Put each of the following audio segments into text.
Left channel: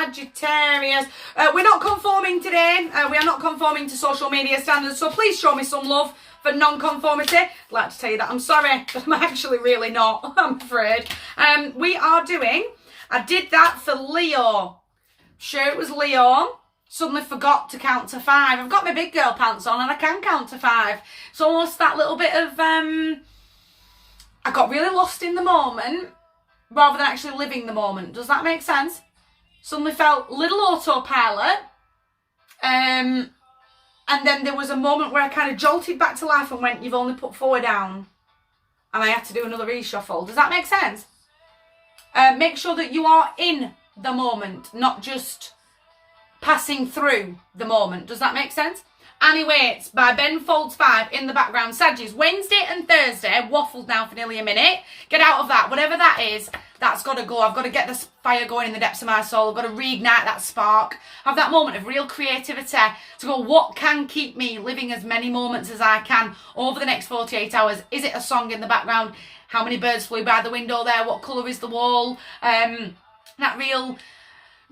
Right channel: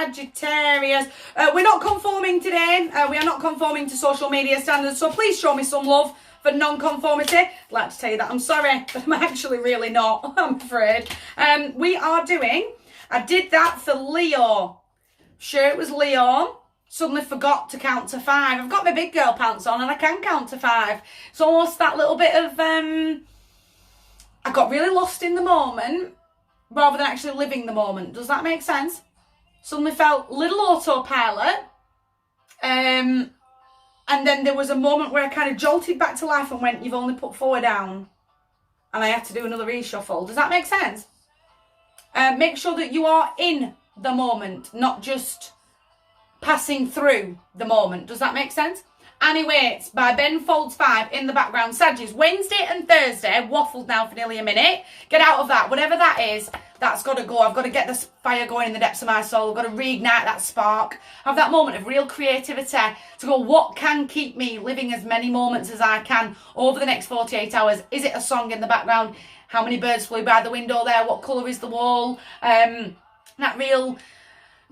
Sagittarius. We're not conforming today. We are not conforming to social media standards, so please show me some love for non-conformity. I'd like to tell you that I'm sorry, but I'm actually really not, I'm afraid. We are doing, I did that for Leo. Sure, it was Leo. Suddenly forgot to count to 5. I've got my big girl pants on and I can count to 5. It's almost that little bit of, I got really lost in the moment rather than actually living the moment. Does that make sense? Suddenly felt little autopilot. And then there was a moment where I kind of jolted back to life and went, you've only put 4 down. And I had to do another reshuffle. Does that make sense? Make sure that you are in the moment, not just passing through the moment. Does that make sense? Anyway, it's by Ben Folds 5 in the background. Sagittarius, Wednesday and Thursday, waffled now for nearly a minute. Get out of that. Whatever that is, that's got to go. I've got to get this fire going in the depths of my soul. I've got to reignite that spark. Have that moment of real creativity to go, what can keep me living as many moments as I can over the next 48 hours? Is it a song in the background? How many birds flew by the window there? What colour is the wall? That real...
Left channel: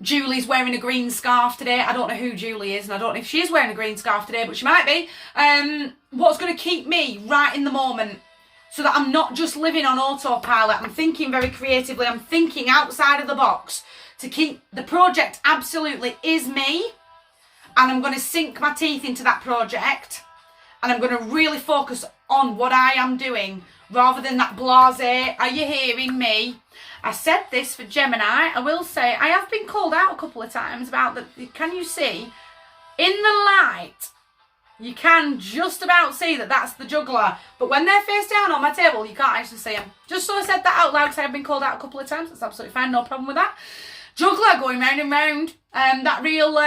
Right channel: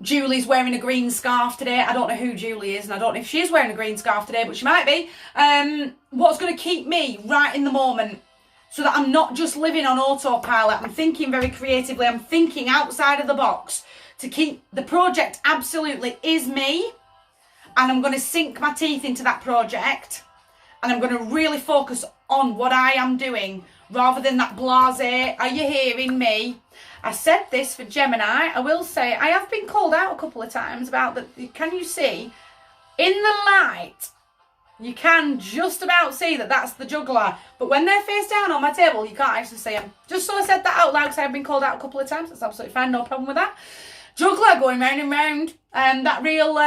Julie's wearing a green scarf today. I don't know who Julie is and I don't know if she is wearing a green scarf today, but she might be. What's going to keep me right in the moment so that I'm not just living on autopilot. I'm thinking very creatively. I'm thinking outside of the box to keep the project absolutely is me. And I'm going to sink my teeth into that project. And I'm going to really focus on what I am doing rather than that blasé, are you hearing me? I said this for Gemini. I will say I have been called out a couple of times about that. Can you see in the light? You can just about see that that's the juggler. But when they're face down on my table, you can't actually see them. Just so I said that out loud because I've been called out a couple of times. That's absolutely fine. No problem with that. Juggler going round and round. That real...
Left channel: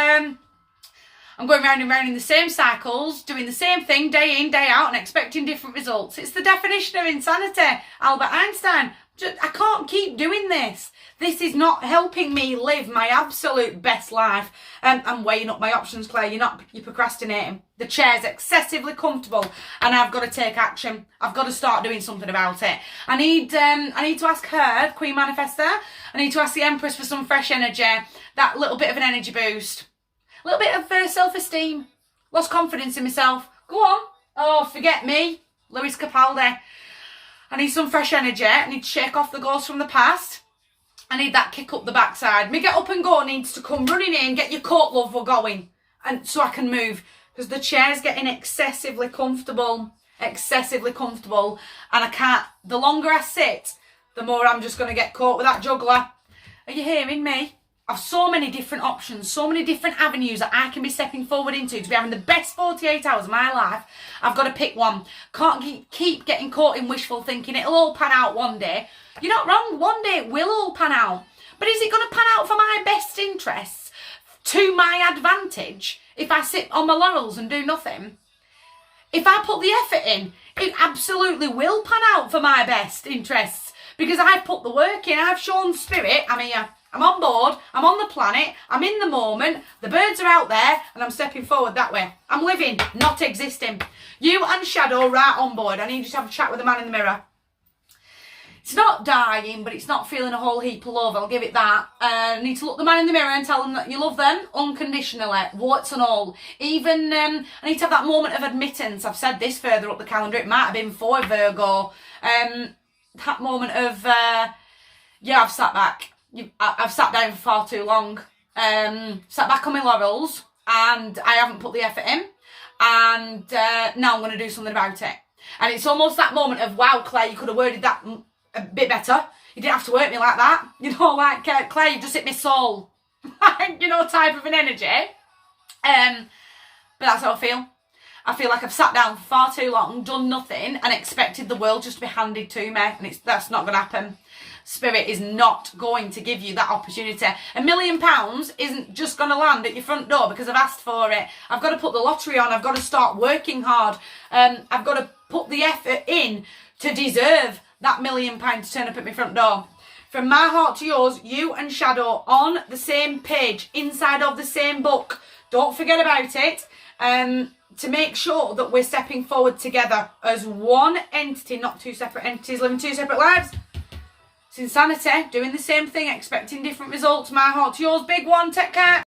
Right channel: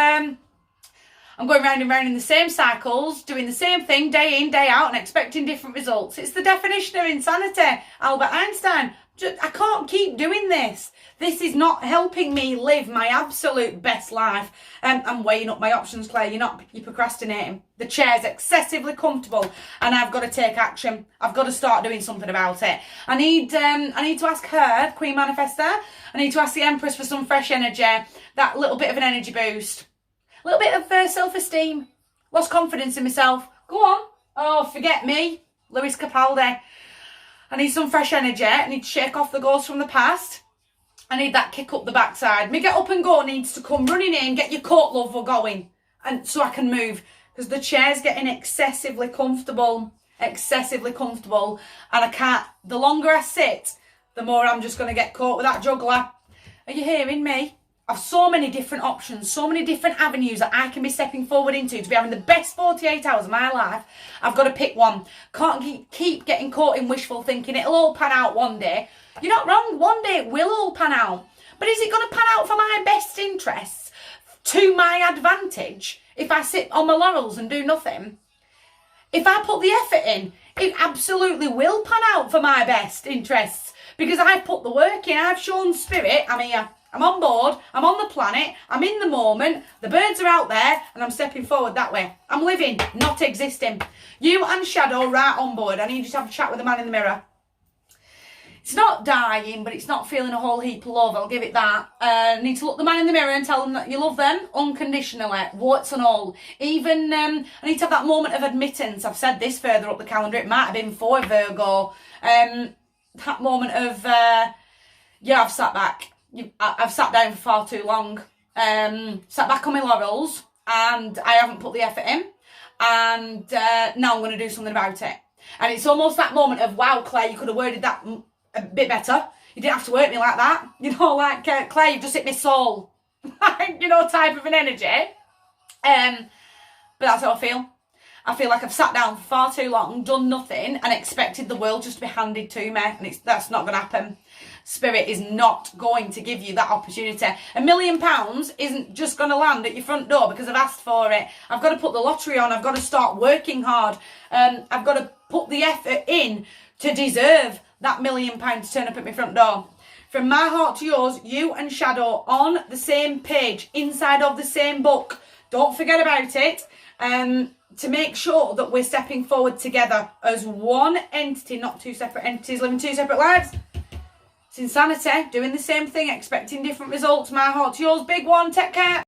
I'm going round and round in the same cycles, doing the same thing day in, day out, and expecting different results. It's the definition of insanity. Albert Einstein. I can't keep doing this. This is not helping me live my absolute best life. I'm weighing up my options, Claire. You're procrastinating. The chair's excessively comfortable, and I've got to take action. I've got to start doing something about it. I need to ask her, Queen Manifestor. I need to ask the Empress for some fresh energy. That little bit of an energy boost. A little bit of self-esteem. Lost confidence in myself. Go on. Oh, forget me. Lewis Capaldi. I need some fresh energy. I need to shake off the ghosts from the past. I need that kick up the backside. Me get up and go needs to come running in. Get your coat, love, we're going. And so I can move. Because the chair's getting excessively comfortable. Excessively comfortable. And I can't. The longer I sit, the more I'm just going to get caught with that juggler. Are you hearing me? I've so many different options, so many different avenues that I can be stepping forward into to be having the best 48 hours of my life. I've got to pick one. Can't keep getting caught in wishful thinking. It'll all pan out one day. You're not wrong. One day it will all pan out. But is it going to pan out for my best interests, to my advantage, if I sit on my laurels and do nothing? If I put the effort in, it absolutely will pan out for my best interests because I've put the work in. I've shown spirit. I'm here. I'm on board, I'm on the planet, I'm in the moment, the birds are out there, and I'm stepping forward that way. I'm living, not existing. You and Shadow right on board. I need you to have a chat with the man in the mirror. It's not dying, but it's not feeling a whole heap of love, I'll give it that. I need to look the man in the mirror and tell them that you love them unconditionally, warts and all. Even, I need to have that moment of admittance. I've said this further up the calendar, it might have been for Virgo. That moment of, yeah, I've sat back. I've sat down for far too long, sat back on my laurels, and I haven't put the effort in, and now I'm going to do something about it. And it's almost that moment of, wow, Claire, you could have worded that a bit better. You didn't have to work me like that. You know, like, Claire, you've just hit my soul. You know, type of an energy. But that's how I feel. I feel like I've sat down for far too long, done nothing, and expected the world just to be handed to me, and that's not going to happen. Spirit is not going to give you that opportunity. £1 million isn't just going to land at your front door because I've asked for it. I've got to put the lottery on. I've got to start working hard. I've got to put the effort in to deserve that £1 million to turn up at my front door. From my heart to yours, you and Shadow on the same page, inside of the same book. Don't forget about it. To make sure that we're stepping forward together as one entity, not two separate entities living two separate lives. It's insanity. Doing the same thing, expecting different results. My heart to yours. Big one. Take care.